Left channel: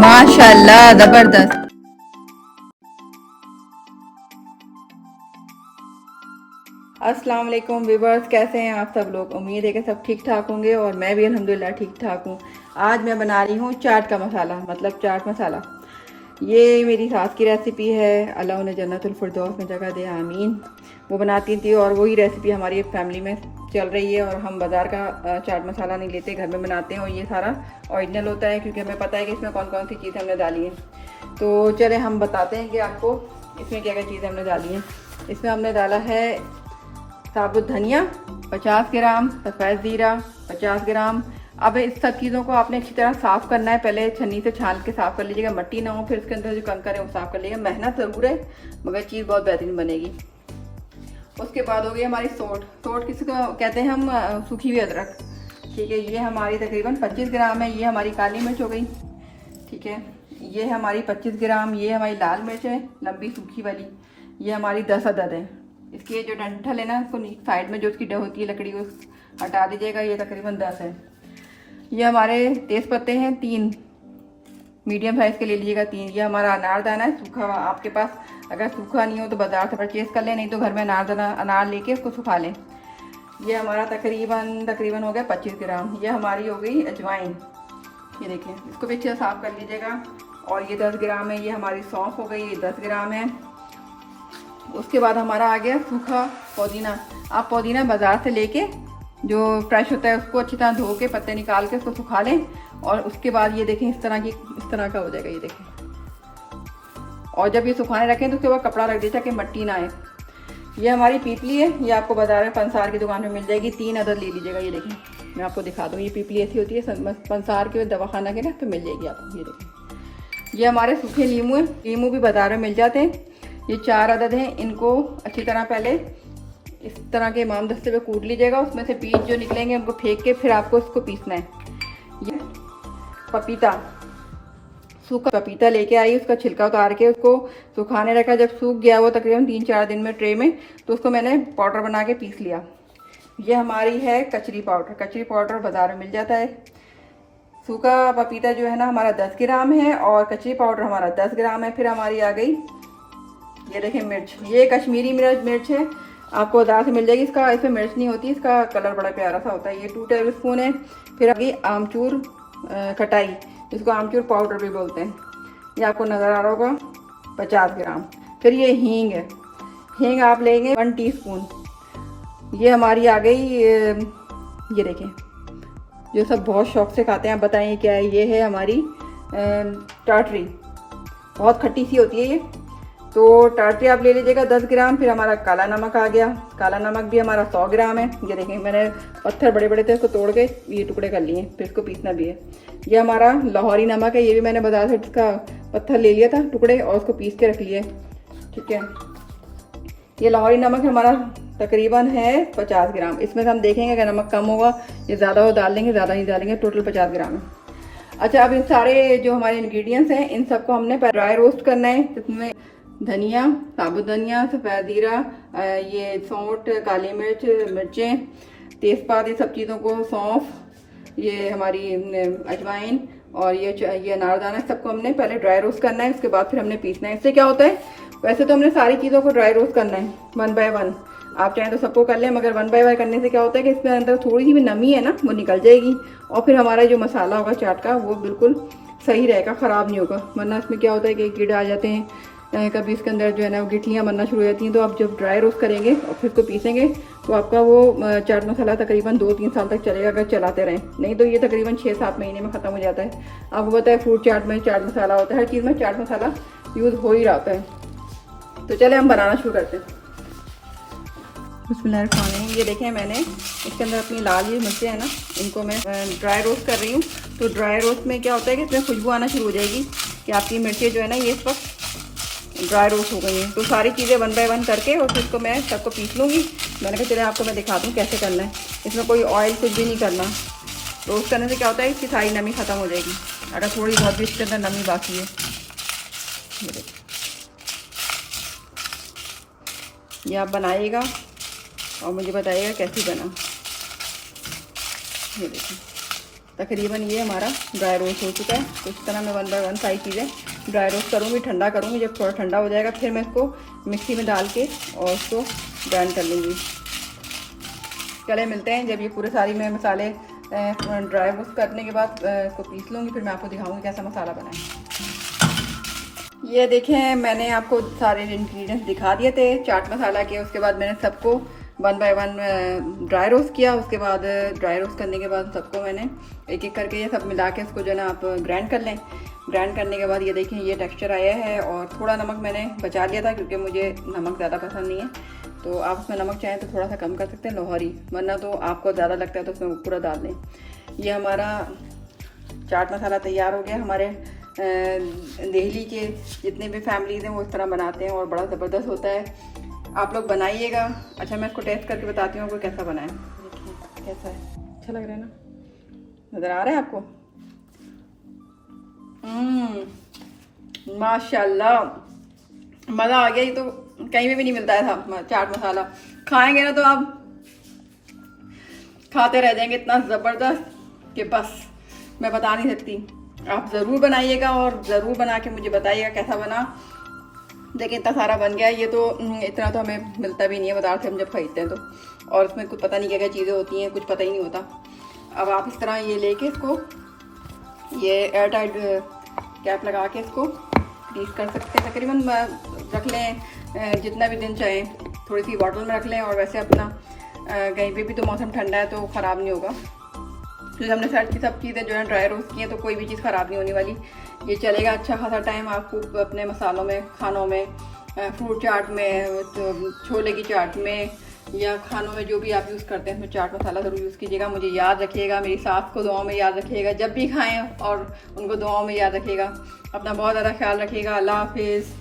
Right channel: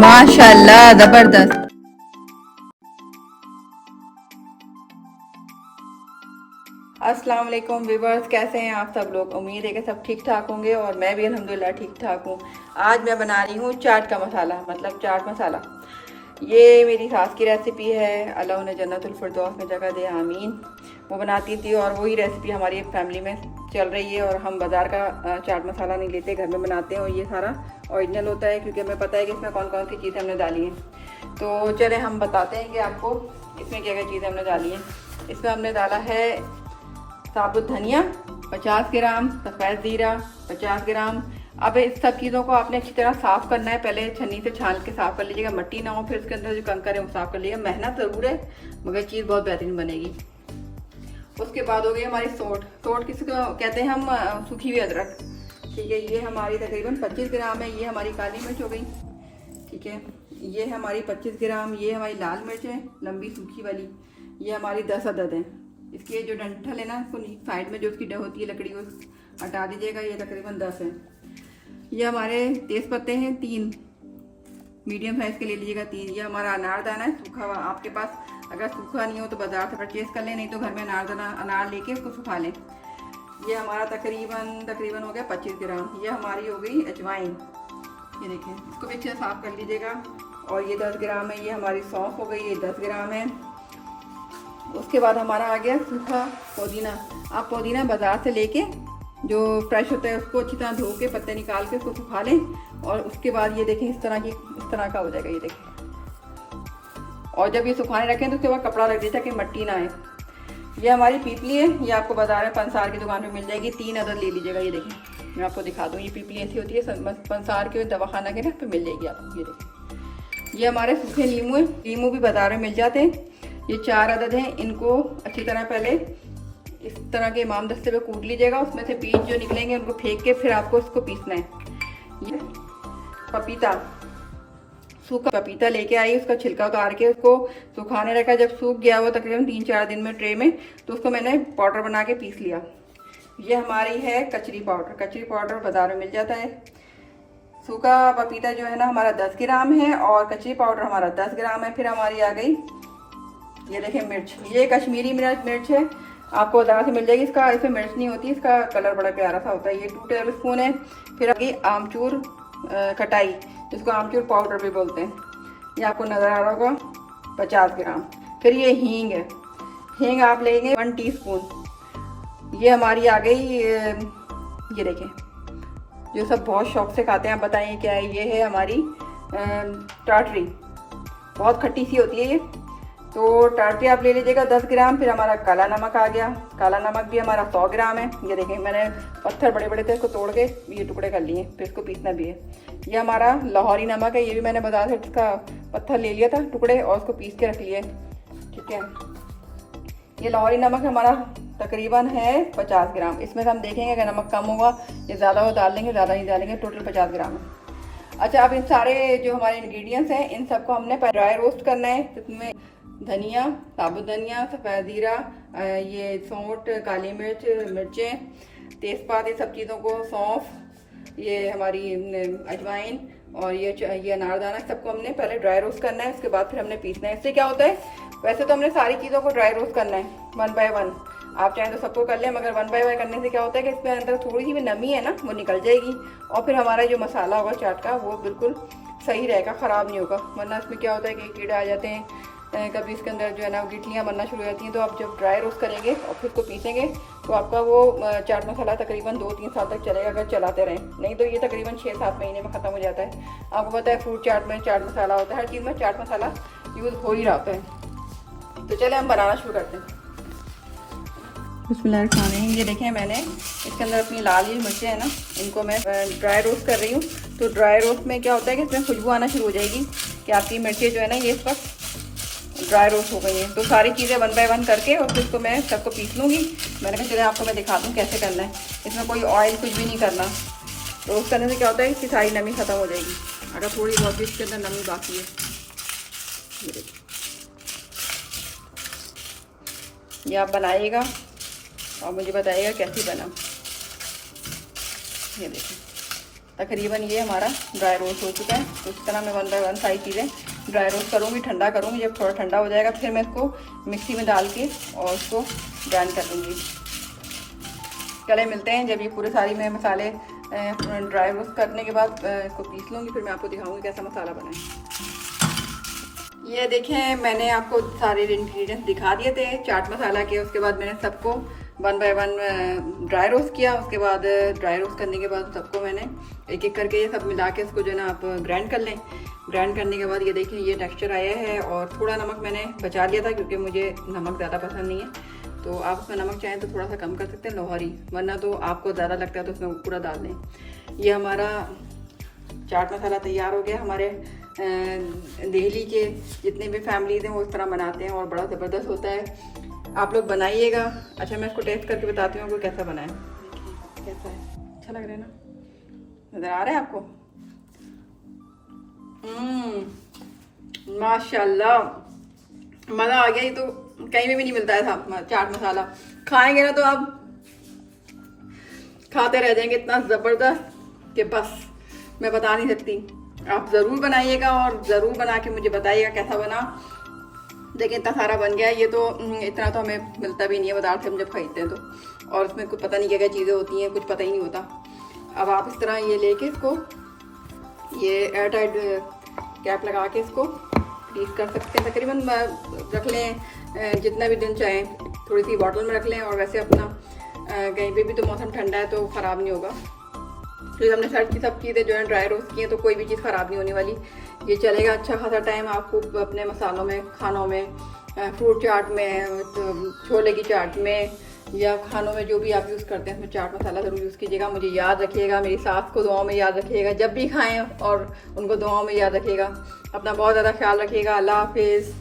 माशाल्लाह जबरदस्त। अस्सलाम वालेकुम व्यूअर्स, कैसे हैं आप सब लोग। उम्मीद है कि सब ठीक ठाक होंगे और मैं भी अल्हम्दुलिल्लाह ठीक ठाक हूँ। आज मैं बना रही हूँ चाट का मसाला, मतलब चाट मसाला। ये मेरी सास की रेसिपी है, अल्लाह उन्हें जन्नतुल फिरदौस में जगह दे, आमीन। वो बनाती थी और वही रेसिपी हमारी फैमिली में चल रही है। और हम बाज़ार का चाट मसाला नहीं लेते, घर में बनाते हैं और ये सारा ओरिजिनल होता है, क्योंकि हमें पता है कि इसमें कौन कौन सी चीज़ें हमने डाली हैं। तो चले हम बताते हैं कि आपको इसमें क्या क्या चीज़ें हमने डाली हैं। इसमें हमने डाला है साबुत धनिया 50 ग्राम, सफ़ेद ज़ीरा 50 ग्राम। अब इस सब चीज़ों को आपने अच्छी तरह साफ़ करना है। पहले छन्नी से छान के साफ़ कर लीजिएगा, मट्टी ना हो, फिर इसके अंदर जो कंकर है वो साफ़ कर लीजिएगा। मेहनत ज़रूर है मगर चीज़ बहुत बेहतरीन बनेगी। उसके बाद हो गई हमारी सोट। सोट किसी को कहते हैं हम, सूखी हुई अदरक। ठीक है, ये हमारी तकरीबन 25 ग्राम है। ये हमारी काली मिर्च हो गई, ठीक है। ये हमारी 25 ग्राम। ये हमारी लाल मिर्च है, लंबी सूखी वाली। ये हमारी 10 अदद है। इसकी जो डंठल है ना, उसको साइड में जो उसकी डह होती है लकड़ी को हटा दीजिएगा। ये तकरीबन 10 है। ये हमारे तेज़ पत्ते हैं 3, मीडियम साइज़ के ले लीजिएगा 3। ये हमारा अनारदाना है सूखा हुआ। आपके पास अगर सूखा नहीं हो तो बाज़ार से परचेज़ कर लें, नहीं तो घर में अनार लेके उसको सुखा लें। ये हमारा तकरीबन हो गया 25 ग्राम। ये हमारी हो गई अजवाइन, ये देखें, इसको भी अच्छे साफ़ कर लीजिएगा। और ये 10 ग्राम है। ये हमारी सौंफ हो गई, ये 10 ग्राम है। उसके बाद हमारा आ गया सूखा पुदीना। आप पुदीना बाज़ार से लेके जो फ्रेश होता है उसको अच्छी तरह धो के पत्ते निकाल के उसको सुखा लें। और उसके बाद ये देखें इस तरह का हो जाएगा, ये देखें। और जब ये सुखाने रखें तो उसके बाद कपड़ा रख दीजिए ताकि मट्टी ना आए। ये हमारी पीपली है, ये आपको बाजार में पंसार की दुकान में मिल जाएगी। 3 अदद ले लीजिएगा। ये देखें, मैं आपको दिखा दूँ। ये पीपली ऐसी होती है पंसार के दवाखाना के ना, तो मिल जाएगी आपको। ये देखें, ये हमारे सूखे नींबू हैं। नींबू भी बाजार में मिल जाते हैं। ये 4 अदद हैं। इनको अच्छी तरह पहले इस तरह के इमाम दस्ते पे कूट लीजिएगा। उसमें से बीज जो निकलेंगे उनको फेंक के फिर आपको उसको पीसना है। ये पपीता, सूखा पपीता लेके आई, उसका छिलका उतार के उसको सुखाने रखा। जब सूख गया वो तकरीबन 3-4 दिन में ट्रे में, तो उसको मैंने पाउडर बना के पीस लिया। ये हमारी है कचरी पाउडर। कचरी पाउडर बाजार में मिल जाता है। सूखा पपीता जो है ना हमारा 10 ग्राम है और कचरी पाउडर हमारा 10 ग्राम है। फिर हमारी आ गई, ये देखें, मिर्च। ये कश्मीरी मिर्च है, आपको बाजार से मिल जाएगी। इसमें मिर्च नहीं होती, इसका कलर बड़ा प्यारा सा होता है। ये 2 टेबल स्पून है। फिर आ गई आमचूर कटाई, जिसको आमचूर पाउडर भी बोलते हैं। ये आपको नज़र आ रहा होगा, 50 ग्राम। फिर ये हींग है। हींग आप लेंगे 1 टीस्पून। ये हमारी आ गई, ये देखें, जो सब बहुत शौक से खाते हैं। आप बताइए क्या है। ये है हमारी टाटरी, बहुत खट्टी सी होती है ये। तो टाटरी आप ले लीजिएगा 10 ग्राम। फिर हमारा काला नमक आ गया। काला नमक भी हमारा 100 ग्राम है। ये देखें, मैंने पत्थर बड़े बड़े थे, इसको तोड़ के ये टुकड़े कर लिए, फिर इसको पीसना भी है। ये हमारा लाहौरी नमक है। ये भी मैंने बाजार से इसका पत्थर ले लिया था टुकड़े और उसको पीस के रख लिए, ठीक है। ये लाहौरी नमक हमारा तकरीबन है 50 ग्राम। इसमें से हम देखेंगे अगर नमक कम होगा ये ज़्यादा हो डाल लेंगे, ज़्यादा ही डालेंगे। टोटल 50 ग्राम है। अच्छा, अब इन सारे जो हमारे इंग्रेडिएंट्स हैं इन सबको हमने ड्राई रोस्ट करना है। जिसमें धनिया, साबुत धनिया, सफ़ेद ज़ीरा, ये सौंठ, काली मिर्च, मिर्चें, तेज़पात, ये सब चीज़ों को, सौंफ, ये हमारी अजवाइन और ये अनारदाना, सबको हमने पहले ड्राई रोस्ट करना है। उसके बाद फिर हमने पीसना है। इससे क्या होता है, वैसे तो हमने सारी चीज़ों को ड्राई रोस्ट करना है 1 बाय 1। आप चाहें तो सबको कर लें, मगर 1 बाय 1 करने से क्या होता है कि इसमें अंदर थोड़ी सी भी नमी है ना वो निकल जाएगी। और फिर हमारा जो मसाला होगा चाट का वो बिल्कुल सही रहेगा, ख़राब नहीं होगा। वरना इसमें क्या होता है कि कीड़े आ जाते हैं, कभी इसके अंदर जो है ना गिटलियाँ बनना शुरू हो जाती हैं। तो आप जब ड्राई रोस्ट करेंगे और फिर उसको पीसेंगे तो आपका वो चाट मसाला तकरीबन 2-3 साल तक चलेगा, अगर चलाते रहें। नहीं तो ये तकरीबन 6-7 महीने में ख़त्म हो जाता है। आपको पता है फ्रूट चाट में चाट मसाला होता है, हर चीज़ में चाट मसाला यूज़ हो ही रहा होता है। तो चले हम बनाना शुरू करते हैं। बिस्मिल्लाह। ये देखें, मैंने इसके अंदर अपनी लाल ये मिर्चें हैं ना, इनको मैं ड्राई रोस्ट कर रही हूँ। तो ड्राई रोस्ट में क्या होता है कि इसमें खुशबू आना शुरू हो जाएगी कि आपकी मिर्चें जो है ना ये इस वक्त ड्राई रोस्ट हो गई हैं। तो सारी चीज़ें 1 बाय 1 करके और फिर उसको मैं सबको पीस लूँगी। मैंने कहा चले आपको मैं दिखा दूँ कैसे करना है। इसमें कोई ऑयल कुछ भी नहीं करना। रोस्ट करने से क्या होता है, इसकी सारी नमी ख़त्म हो जाएगी। अगर थोड़ी बहुत भी इसके अंदर नमी बाकी है, ये आप बनाइएगा और मुझे बताइएगा कैसी बना। ये देखिए, तकरीबन ये हमारा ड्राई रोस्ट हो चुका है। तो इस तरह मैं 1 बाय 1 सारी चीज़ें ड्राई रोस्ट करूँगी, ठंडा करूँगी। जब थोड़ा ठंडा हो जाएगा फिर मैं इसको मिक्सी में डाल के और उसको ग्राइंड कर लूँगी। चले मिलते हैं जब ये पूरे सारी मैं मसाले ड्राई रोस्ट करने के बाद इसको पीस लूँगी, फिर मैं आपको दिखाऊँगी कैसा मसाला बनाए। ये देखें, मैंने आपको सारे इंग्रेडिएंट्स दिखा दिए थे चाट मसाला के। उसके बाद मैंने सबको 1 बाय 1 ड्राई रोस्ट किया। उसके बाद ड्राई रोस्ट करने के बाद सबको मैंने एक एक करके ये सब मिला के इसको जो है ना आप ग्राइंड कर लें। ग्राइंड करने के बाद ये देखें ये टेक्सचर आया है। और थोड़ा नमक मैंने बचा लिया था क्योंकि मुझे नमक ज़्यादा पसंद नहीं है। तो आप उसमें नमक चाहें तो थोड़ा सा कम कर सकते हैं, लोहरी, वरना तो आपको ज़्यादा लगता है तो उसमें पूरा डाल दें। ये हमारा चाट मसाला तैयार हो गया। हमारे दिल्ली के जितने भी फैमिलीज़ हैं वो इस तरह बनाते हैं और बड़ा ज़बरदस्त होता है। आप लोग बनाइएगा। अच्छा, मैं इसको टेस्ट करके बताती हूँ आपको कैसा बनाएं। देखिए कैसा है, अच्छा लग रहा है ना, नज़र आ रहा है आपको? माशाल्लाह, मज़ा आ गया। ये तो कहीं भी नहीं मिलता है था चाट मसाला। खाएंगे ना तो आप खाते रह जाएंगे, इतना ज़बरदस्त कि बस मैं बता नहीं सकती। आप ज़रूर बनाइएगा और ज़रूर बना के मुझे बताइएगा कैसा बना। देखिए इतना सारा बन गया। ये तो इतना तो हमें मिलता भी नहीं है बाजार से हम जब खरीदते हैं तो। और इसमें कुछ पता नहीं क्या क्या चीज़ें होती हैं, कुछ पता ही नहीं होता। अब आप इस तरह ये लेके इसको ये एयर टाइट कैप लगा के इसको फ्रीज कर सकते हैं। तकरीबन रख लें जितना भी दिन चाहें, थोड़ी सी बॉटल में रख लें। और वैसे अपना कहीं पे भी तो मौसम ठंडा है तो ख़राब नहीं होगा। फिर हमने सब चीज़ें जो है ड्राई रोस्ट की हैं तो कोई भी चीज़ ख़राब नहीं होने वाली। ये चलेगा अच्छा खासा टाइम आपको अपने मसालों में, खानों में, फ्रूट चाट में, तो छोले की चाट में या खानों में जो भी आप यूज़ करते हैं उसमें चाट मसाला ज़रूर यूज़ कीजिएगा। मुझे याद रखिएगा, मेरी सास को दुआओं में याद रखिएगा, जब भी खाएँ और उनको दुआओं में याद रखिएगा। अपना बहुत ज़्यादा ख्याल रखिएगा। अल्लाह हाफिज़।